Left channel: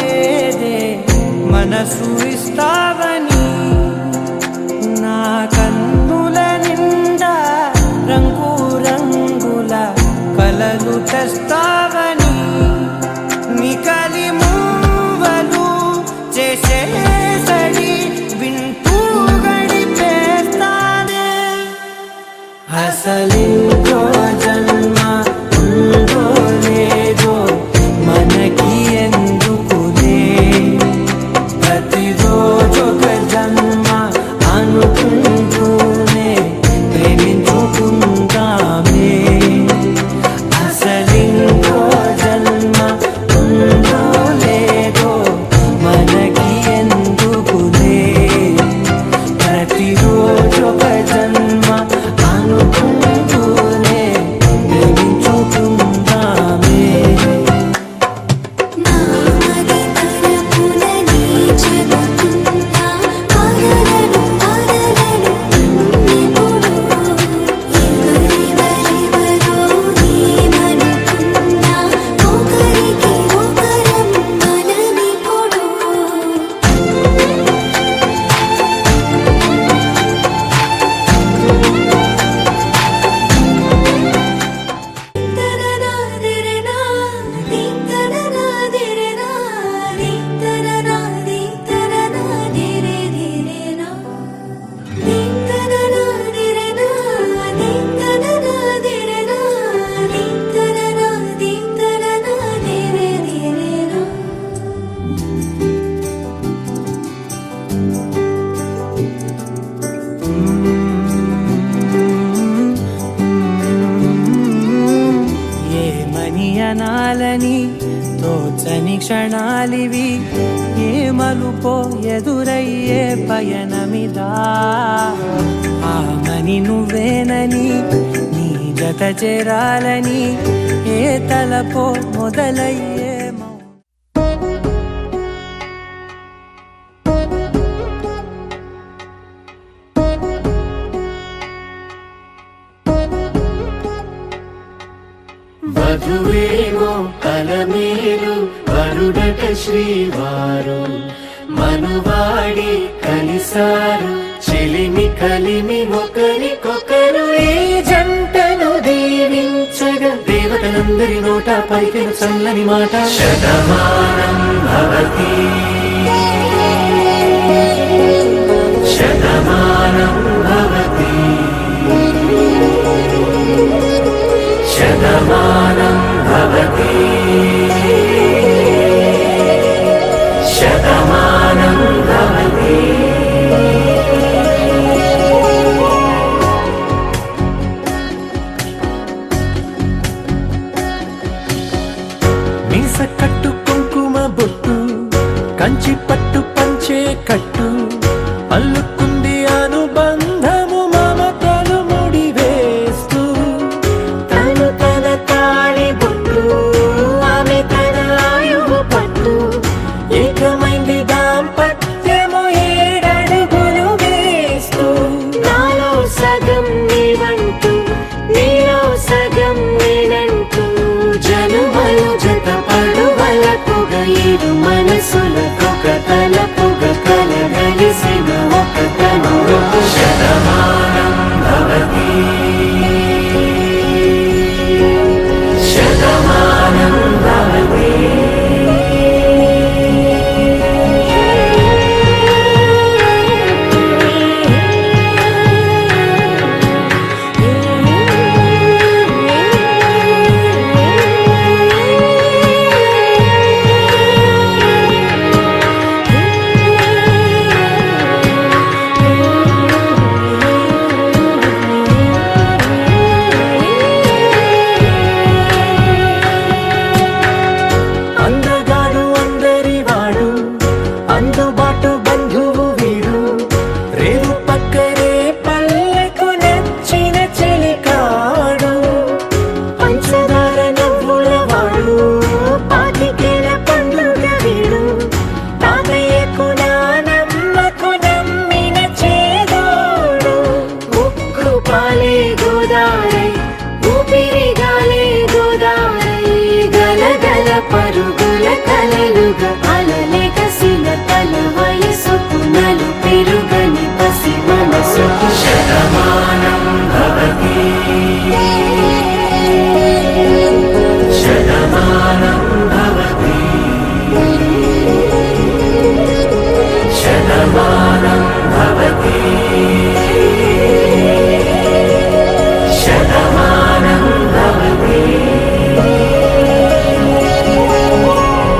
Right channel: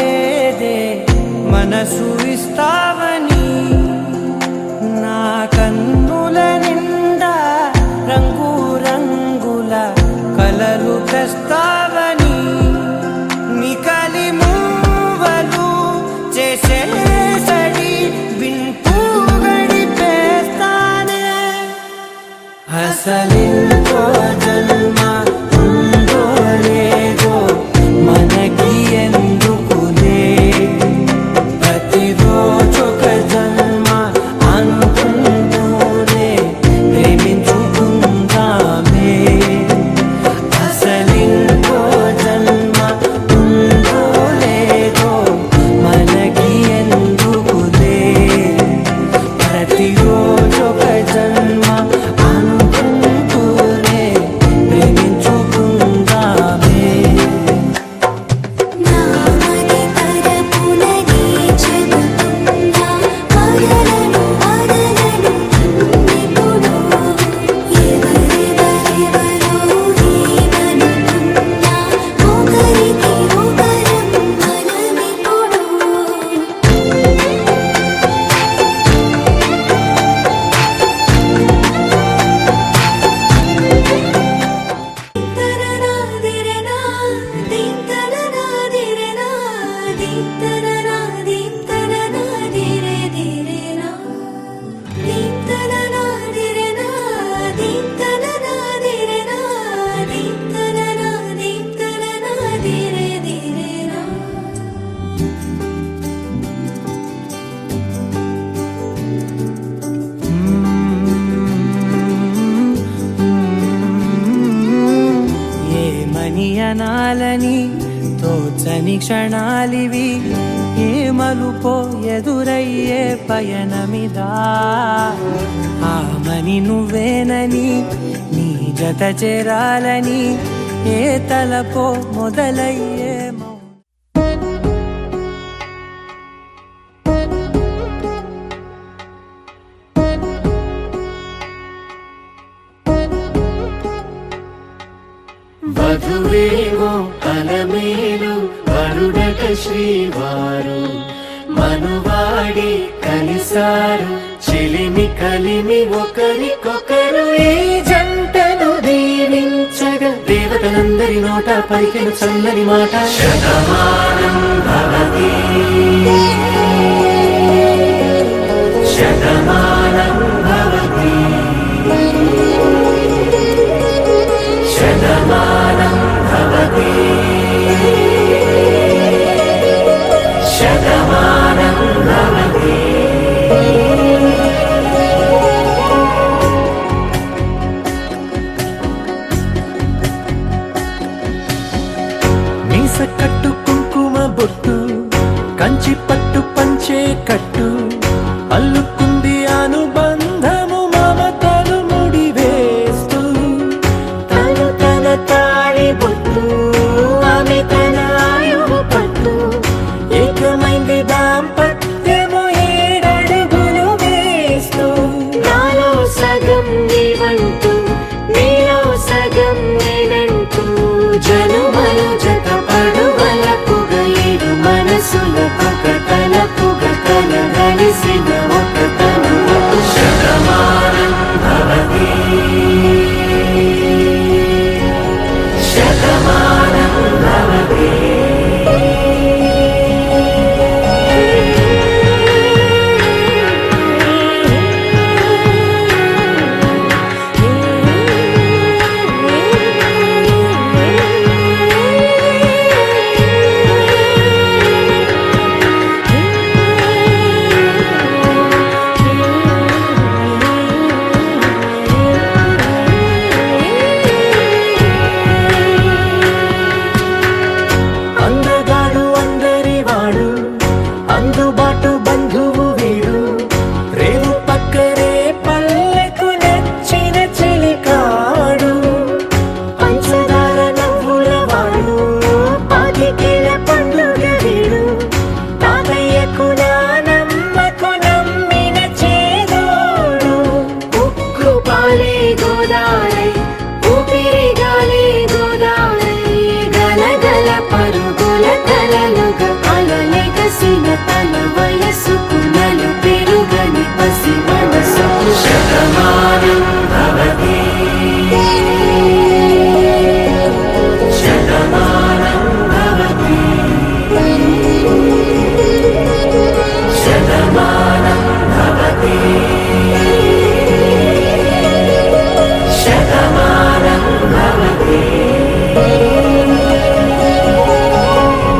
లేదే మనసు ఇస్తావని, నా కన్నుల నిండా రంగు రంగుల కలలు తెస్తావని, నికలి మూవలు చేసే సడి వింటూ గడిపేస్తానే. అసలింకో జన్మ ఉందో లేదో మనకి ఎందుకులే, ప్రతిరోజొక జన్మ అనుకుంటూనే ప్రేమించుకుందామే. అసలింకో జన్మ ఉందో లేదో మనకి ఎందుకులే, ప్రతిరోజొక జన్మ అనుకుంటూనే ప్రేమించుకుందామే. ఏమనియనాలని తోచని క్షణాలివి, ఏ మలుపో ఎదురయ్యే పయనమిదా. ఆమని నువ్వేనని నీ జత చేరాలని ఏ తలపో మొదలయ్యే వధువేమో అలమేలు వరుడట శ్రీవారు, మనువాడి కలిసారు చెలిమి కలిమి ఒకరికొకరు. ఈ జంటను దీవించగా దేవతలందరి నోట పలికిన చల్లని మాట, శతమానం భవతి శతమానం భవతి శతమానం భవతి శతమానం భవతి. మీస కట్టు కుంకుమ బొట్టు కంచి పట్టు పంచే కట్టు, అల్లుకుంది అనుబంధము మమతలు ముడివేస్తూ. తను తన తాళి బొట్టు ఆమె తన ఆయువు పట్టు, ఏకమైంది దాంపత్యము ఏడడుగులు వేస్తూ. నాలో సగం నీవంటూ నీలో సగం నేనంటూ, జనుమలు జత పడువలపుగ ఇరు మనసులకొక తలపుగ కలగలిసిన ఒక తను. శతమానం భవతి శతమానం భవతి. అందగాడు అందరి వాడు, అందుబాటు బంధువు వీడు, రేవు పక్కరే పల్లెకు నచ్చిన చెలికాడు. పంచదార నవ్వుల వాడు, పాతికేల పండుగ వీడు, తాతయ్యకు నానమ్మకు నమ్మిన చేదోడు. ఉక్కు పాలే గోదారై ఊపిరిగాలే గోదారై, గలగల పరుగుల కలలుగా అల తన వయసుకు నలుపే